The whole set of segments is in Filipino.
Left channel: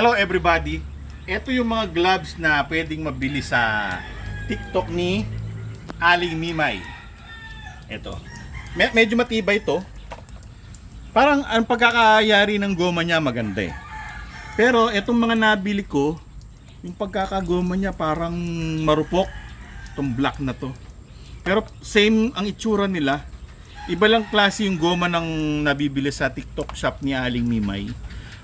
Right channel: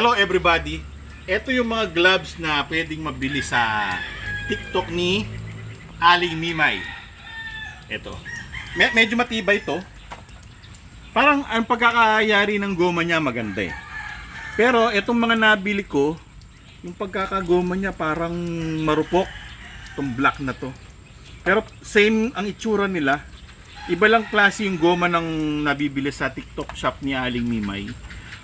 Hello everybody! Ito yung mga gloves na pwedeng mabili sa TikTok ni Aling Mimay. Ito. Medyo matibay ito. Parang ang pagkakayari ng goma niya maganda eh. Pero itong mga nabili ko, yung pagkakagoma niya parang marupok. Itong black na to. Pero same ang itsura nila. Iba lang klase yung goma ng nabibili sa TikTok shop ni Aling Mimay.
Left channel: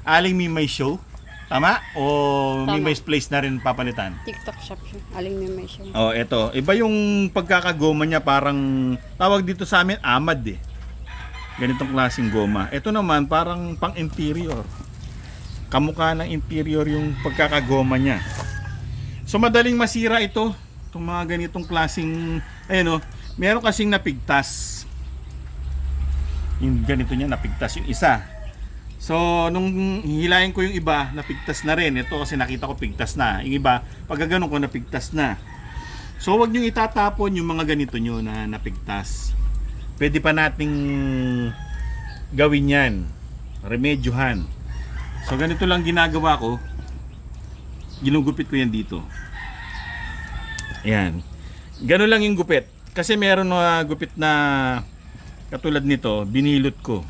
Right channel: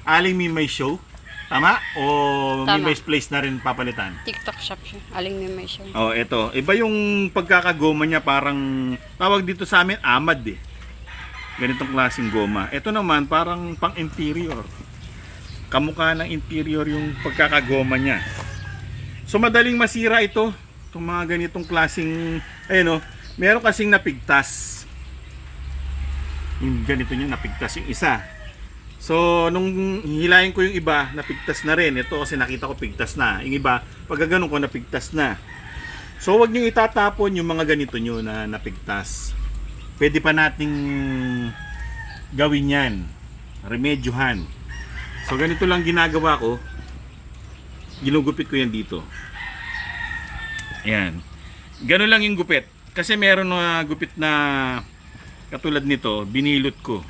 Aling Mimay Show. Tama? O Tama. Mimay's Place na rin papalitan? TikTok shop siya. Aling Mimay siya. Oh, eto. Iba yung pagkakagoma niya, parang tawag dito sa amin amad eh. Ganitong klaseng goma. Ito naman parang pang interior. Kamukha ng interior yung pagkakagoma niya. So madaling masira ito. Itong mga ganitong klaseng ayun oh, meron kasing napigtas. Yung ganito niya napigtas yung isa. So, nung hilahin ko yung iba, napigtas na rin. Ito kasi nakita ko pigtas na. Yung iba, pag gano'n ko napigtas na. So, wag nyo itatapon yung mga ganito nyo na napigtas. Pwede pa nating gawin yan. Remedyohan. So, ganito lang ginagawa ko. Ginugupit ko yan dito. Ayan. Ganun lang yung gupit. Kasi meron na gupit na katulad nito, binilot ko.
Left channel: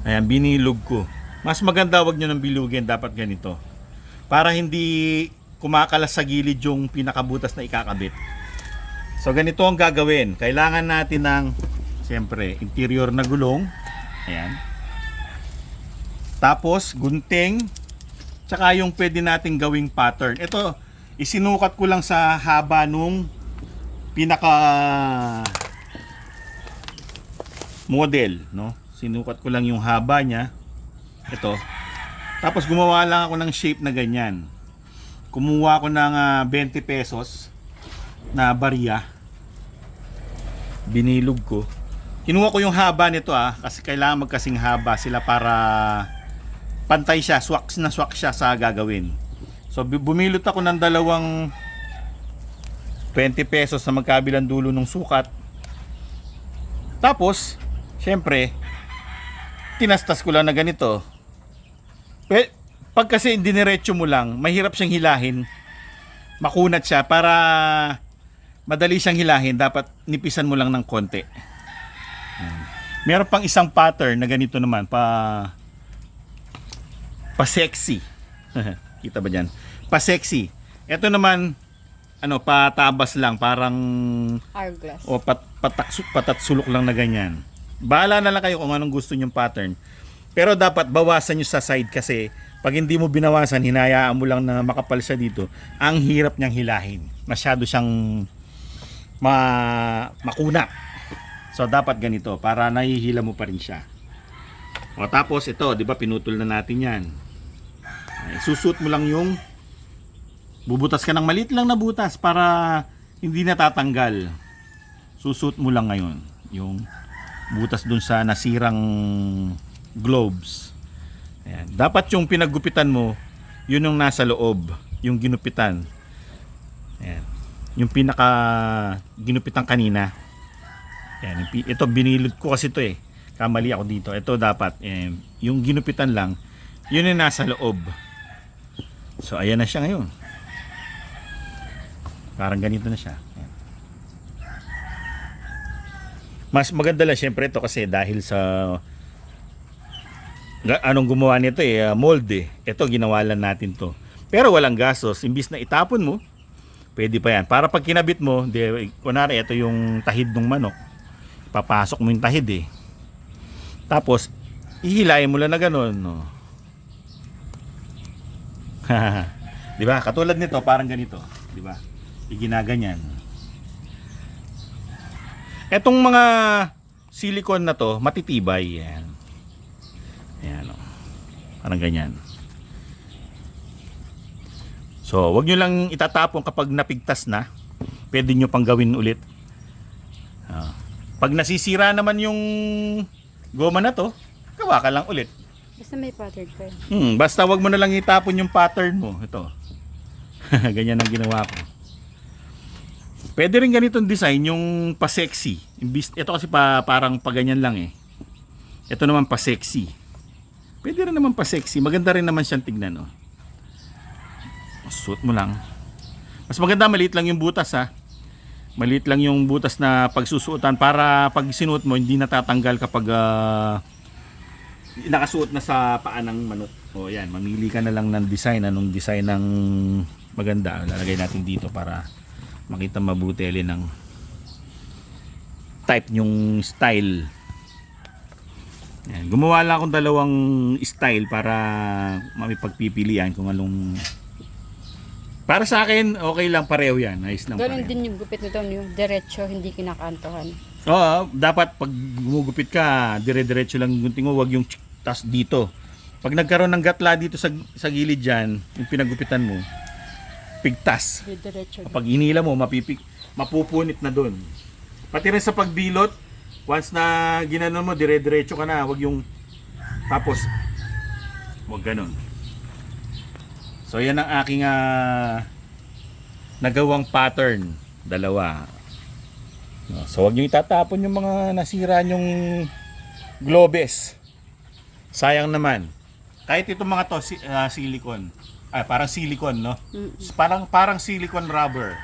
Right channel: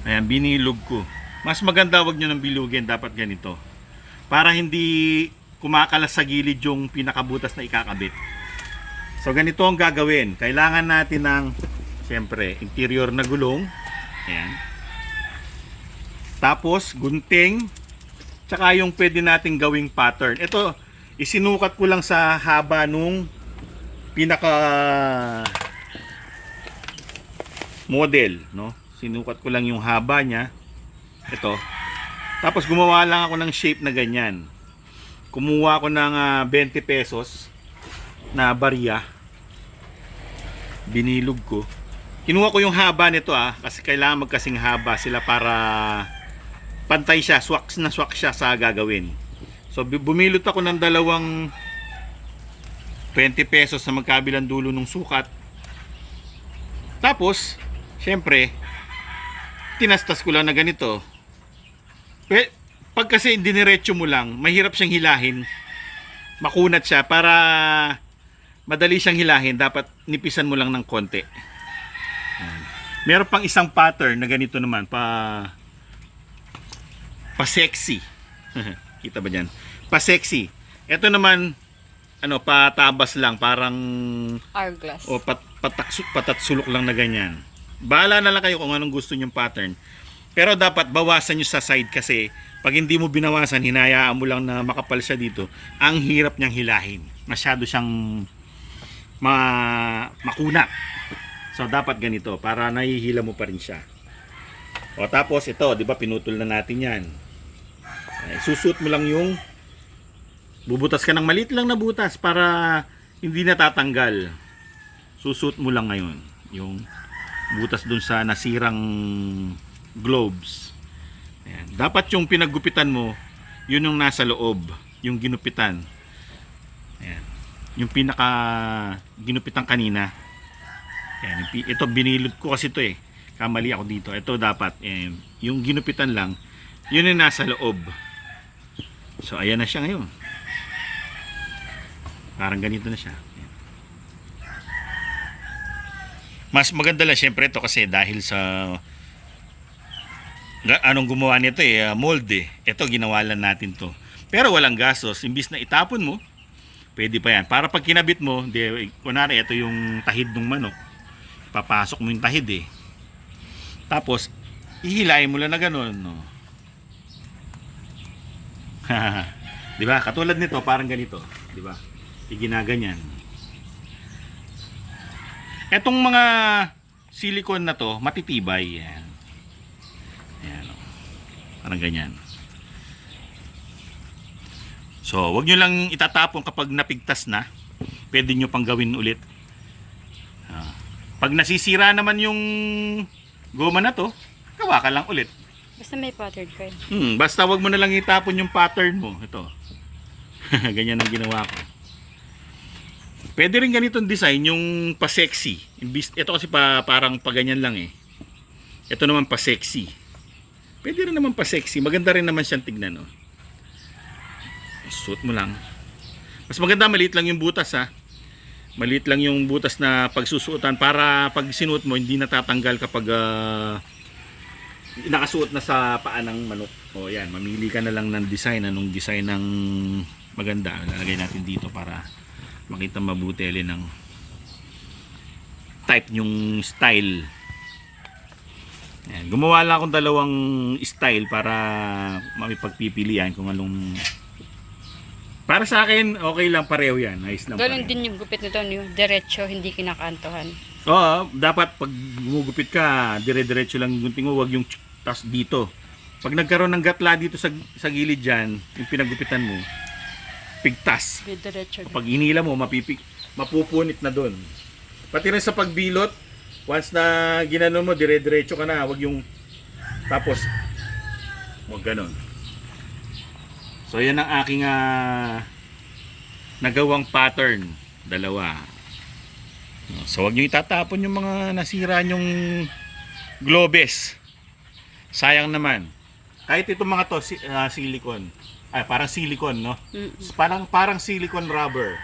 Ayan, binilog ko. Mas maganda wag nyo nang bilugin, dapat ganito. Para hindi kumakalas sa gilid yung pinakabutas na ikakabit. So ganito ang gagawin. Kailangan natin ng, siyempre, interior na gulong. Ayan. Tapos, gunting. Tsaka yung pwede nating gawing pattern. Ito, isinukat ko lang sa haba nung pinaka model, no? Sinukat ko lang yung haba niya. Ito. Tapos gumawa lang ako ng shape na ganyan. Kumuha ako ng 20 pesos na barya. Binilog ko. Kinuha ko yung haba nito kasi kailangan magkasing haba sila para pantay siya, swak siya sa gagawin. So bumilot ako ng dalawang 20 pesos na magkabilang dulo ng sukat. Tapos, syempre, tinastas ko lang na ganito. Pag kasi diniretso mo lang, mahirap siyang hilahin. Makunat siya. Para madali siyang hilahin, dapat nipisan mo lang ng konti. Meron pang isang pattern na ganito naman, pa sexy. Kita ba dyan? Pa sexy. Ito naman, patabas lang, parang Hourglass. o patatsulok lang na ganyan. Bahala na lang kayo kung anong gusto nyong pattern. Pero dapat bawasan nyo sa side kasi pag hindi mo binawasan, hinayaan mo lang na makapal siya dito, ang hirap niyang hilahin. Masyado siyang makuna. So dapat ganito para nahihila mo pa rin siya. O tapos ito, 'di ba pinutol na natin 'yan. Susut mo lang yung bubutas ka ng maliit lang na butas para hindi natatanggal. Susut mo lang ngayon yung butas dun sa nasirang globes. Ayan. Dapat yung pinaggupitan mo, yun yung nasa loob, yung ginupitan. Ayan. Yung pinaka ginupitan kanina. Ayan. Ito binilod ko kasi ito eh. Kamali ako dito. Ito dapat. Ayan. Yung ginupitan lang, yun yung nasa loob. So ayan na siya ngayon. Parang ganito na siya. Ayan. Mas maganda lang syempre ito kasi dahil sa anong gumawa nito mold eh. Ito ginawa lang natin to. Pero walang gastos, imbis na itapon mo, pwede pa yan. Para pag kinabit mo, kunwari ito yung tahid ng manok. Papasok mo yung tahid eh. Tapos ihilayin mo lang na gano'n, no. Di ba? Katulad nito, parang ganito, di ba? Iginaganyan. Etong mga silicone na to, matitibay. Yan. Ayan. Parang ganyan. So, wag nyo lang itatapon kapag napigtas na. Pwede nyo pang gawin ulit. Pag nasisira naman yung goma na to, gawa ka lang ulit. Basta may pattern ko Basta wag mo na lang itapon yung pattern mo. Ito. Ganyan ang ginawa ko. Pwede rin ganitong design, yung pa-sexy. Ito kasi parang pa ganyan lang eh. Ito naman pa-sexy. Pwede rin naman pa sexy. Maganda rin naman siyang tignan. Oh. Suot mo lang. Mas maganda, maliit lang yung butas ha. Maliit lang yung butas na pagsusuotan para pag sinuot mo, hindi natatanggal kapag nakasuot na sa paa ng manok. O yan, mamili ka na lang ng design. Anong design ng maganda. Lalagay natin dito para makita mabuti alin ng type yung style. Yan. Gumawa lang akong dalawang style para mapagpipilian kung anong. Para sa akin, okay lang, pareho yan. Nice lang Ganun pareho. din yung gupit nito, yung diretso, hindi kinakantohan. Oo, dapat pag gumugupit ka, dire-diretso lang yung gunting mo, wag yung tas dito. Pag nagkaroon ng gatla dito sa gilid dyan, yung pinagupitan mo, pigtas. Diretso. Pag hinila mo, mapupunit na doon. Pati rin sa pagbilot, once na ginanon mo, dire-diretso ka na, wag yung tapos wag ganun. So yan ang aking nagawang pattern, dalawa. So wag niyo itatapon yung mga nasira nyong globes. Sayang naman. Kahit itong mga to silicone. Ay, parang silicone, no? Parang silicone rubber.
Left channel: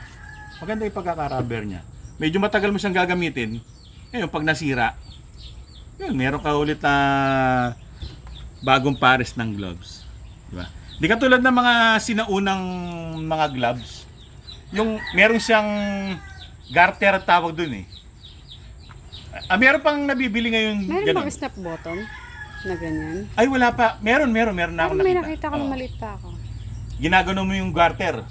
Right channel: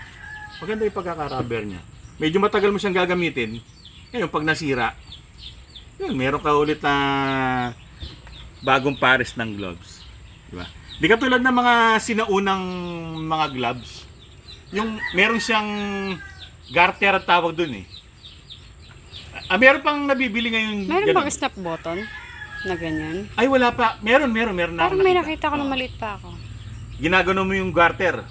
Maganda yung pagkaka-rubber niya. Medyo matagal mo siyang gagamitin. Ngayon pag nasira, yun, meron ka ulit na bagong pares ng gloves. Di ba? Di katulad ng mga sinaunang mga gloves. Yung meron siyang garter tawag dun eh. Meron pang nabibili ngayon. Meron ganun. bang snap button na ganyan? Ay wala pa. Meron na Parang akong may nakita ko Oo. na maliit pa ako. Ginagano mo yung garter.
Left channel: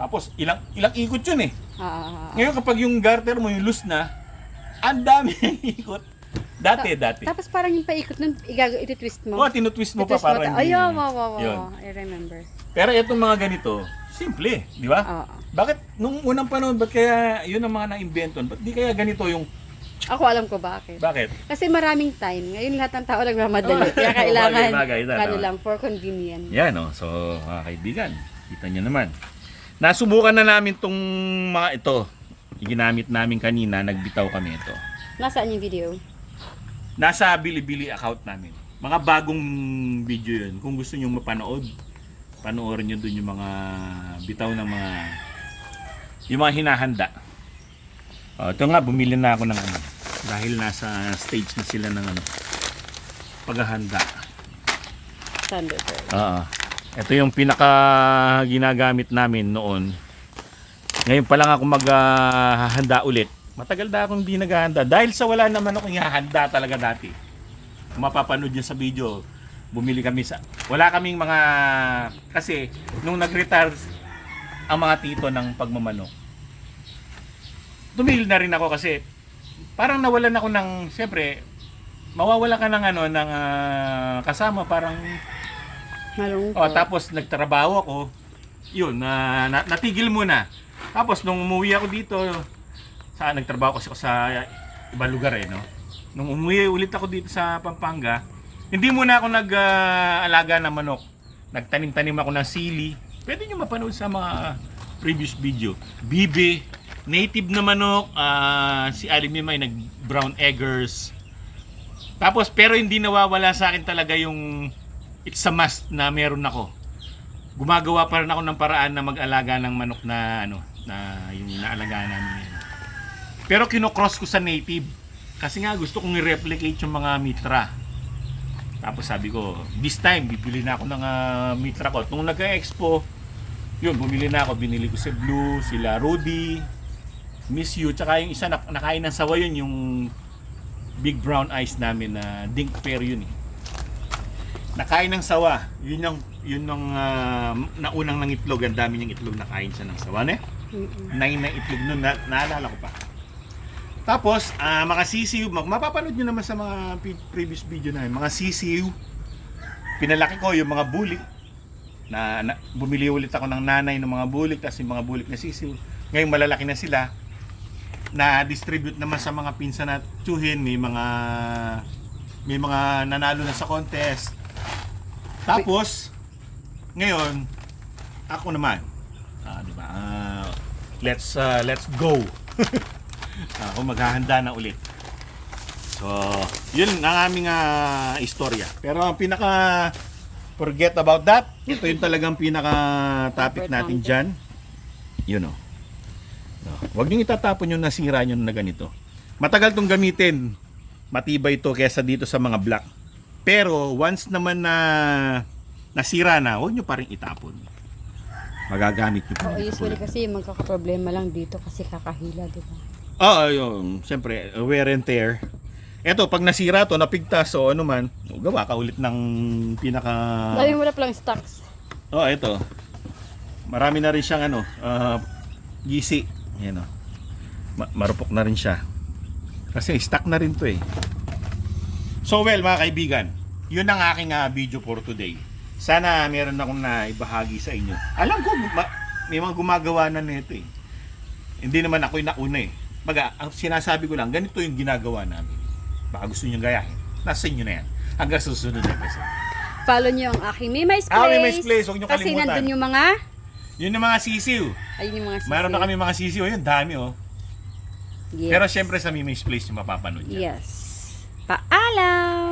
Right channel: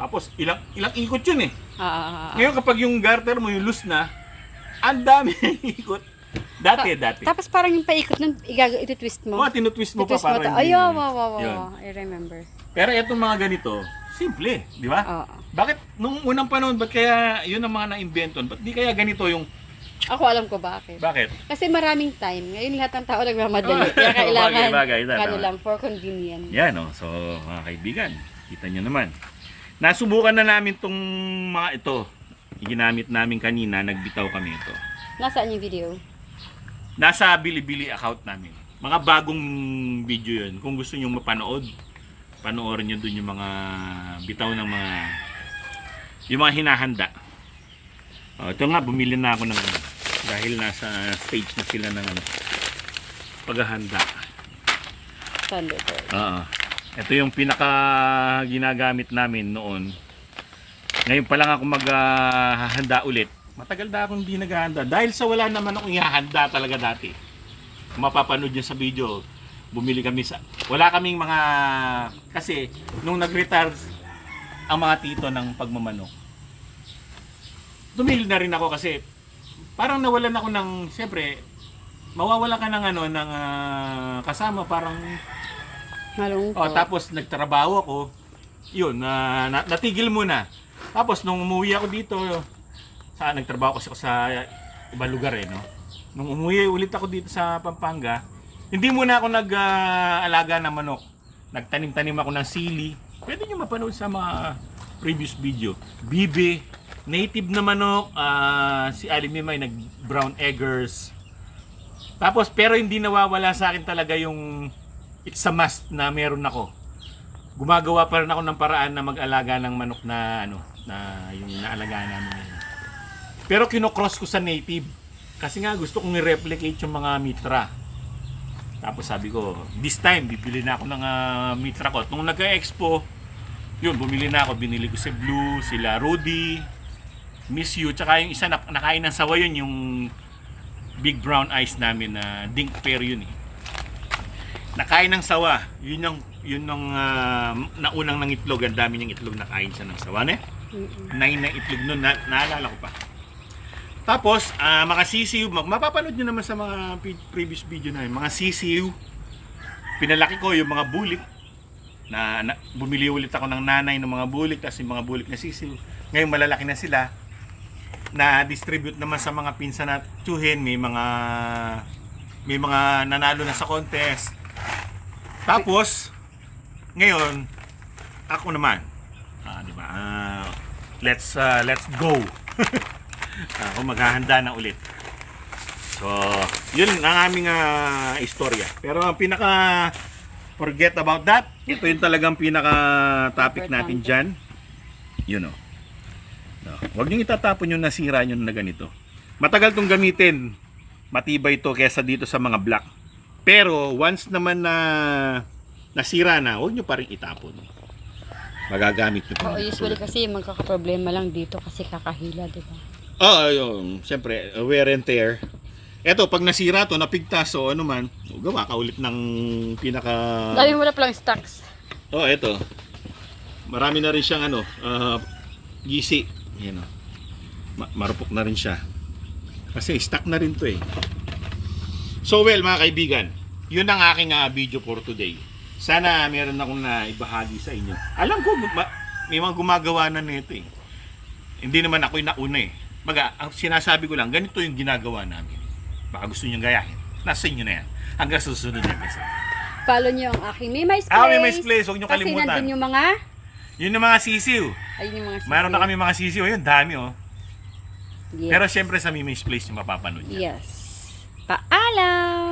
Tapos ilang ikot yun eh. Ah. Ngayon kapag yung garter mo yung loose na, ang dami ng ikot. Dati. Tapos parang yung paikot nun, iti-twist mo. Oh, tinutwist mo pa Iti-twist mo para Ay, hindi- wow. Yun. I remember. Pero itong mga ganito, simple, di ba? Oo. Bakit nung unang panahon, ba't kaya yun ang mga na-inventon? Ba't di kaya ganito yung, Ako alam ko bakit. bakit? Kasi maraming time. Ngayon lahat ng tao nagmamadali. Kaya kailangan, Bagay, tama. ano lang, for convenience. Yan o, so mga kaibigan, kita nyo naman. Nasubukan na namin tong mga ito. Ginamit namin kanina, nagbitaw kami ito. Nasaan yung video? Nasa Bilibili account namin. Mga bagong video yun. Kung gusto nyo mapanood, panoorin nyo dun yung mga bitaw ng yung mga hinahanda. Ito nga, bumili na ako ng ano, dahil nasa stage na sila ng paghahanda. Thunderbird. Oo. Ito yung pinaka ginagamit namin noon. Ngayon pa lang ako maghahanda ulit. Matagal na akong hindi naghahanda. Dahil sa wala naman akong ihahanda talaga dati. Kung mapapanood nyo sa video, bumili kami sa... Wala kaming mga... Kasi nung nag-retire ang mga tito ng pagmamanok, tumigil na rin ako kasi parang nawalan ako ng... Siyempre, mawawala ka ng ano, ng kasama, parang... Malungkot. tapos nagtrabaho ako. Yun, natigil muna. Tapos nung umuwi ako dito, nagtrabaho kasi ako sa ibang lugar eh, no? Nung umuwi ulit ako dito sa Pampanga, hindi muna ako nag-alaga ng manok. Nagtanim-tanim ako ng sili. Pwede nyo mapanood sa mga previous video. Bibe, native na manok, si Aling Mimay nag-brown eggers. Tapos pero hindi nawawala sa akin talaga yung it's a must na meron ako. Gumagawa pa rin ako ng paraan na mag-alaga ng manok na ano, na yung naalagaan namin ngayon. Pero kinocross ko sa native. Kasi nga gusto kong i-replicate yung mga mitra. Tapos sabi ko, this time bibili na ako ng mitra ko. Nung nag-expo, yun, bumili na ako. Binili ko si Blue, sila Rudy, Miss You, tsaka yung isa nakain ng sawa yun, yung big brown eyes namin na dink pair yun eh. Nakain ng sawa. Yun yung naunang ng itlog. Ang dami niyang itlog, nakain siya ng sawa. 9 na itlog nun, naalala ko pa. Tapos, mga sisiw, mapapanood nyo naman sa mga previous video na yun. Mga sisiw, pinalaki ko yung mga bulik. Bumili ulit ako ng nanay ng mga bulik, tapos yung mga bulik na sisiw. Ngayon malalaki na sila. Na-distribute naman sa mga pinsan at tsuhin. May mga nanalo na sa contest. Tapos, ngayon, ako naman. Diba? Let's go. Ako maghahanda na ulit. So, Yun ang aming istorya. Pero ang pinaka forget about that. Ito yung talagang pinaka topic natin dyan. Yun o. No. Huwag niyong itatapon yung nasira nyo na ganito. Matagal tong gamitin. Matibay to kesa dito sa mga black. Pero once naman na nasira na, huwag nyo pa rin itapon. Magagamit nyo pa. Oo, usually kasi magkakaproblema lang dito kasi kakahila, di ba? Oo, yun. Siyempre, wear and tear. Eto, pag nasira to, napigtas o ano man, gawa ka ulit ng pinaka... Dami mo na palang stocks. Eto. Marami na rin siyang gisi. Yan o. Marupok na rin siya. Kasi stuck na rin to eh. So well, mga kaibigan, yun ang aking video for today. Sana meron akong naibahagi sa inyo. Alam ko, may mga gumagawa na nito eh. Hindi naman ako yung nauna eh. Ang sinasabi ko lang, ganito yung ginagawa namin. Baka gusto nyo gayahin. Nasa inyo na yan. Hanggang sa susunod na episode. Follow nyo ang aking Mimi's Place. Mimi's Place. Huwag nyo Kasi kalimutan. nandun yung mga... Yun yung mga sisiw. Ayun yung mga sisiw. Mayroon na kami mga sisiw. Ayun, dami oh. Yes. Pero syempre sa Mimi's Place yung mapapanood niya. Yes. Paalam!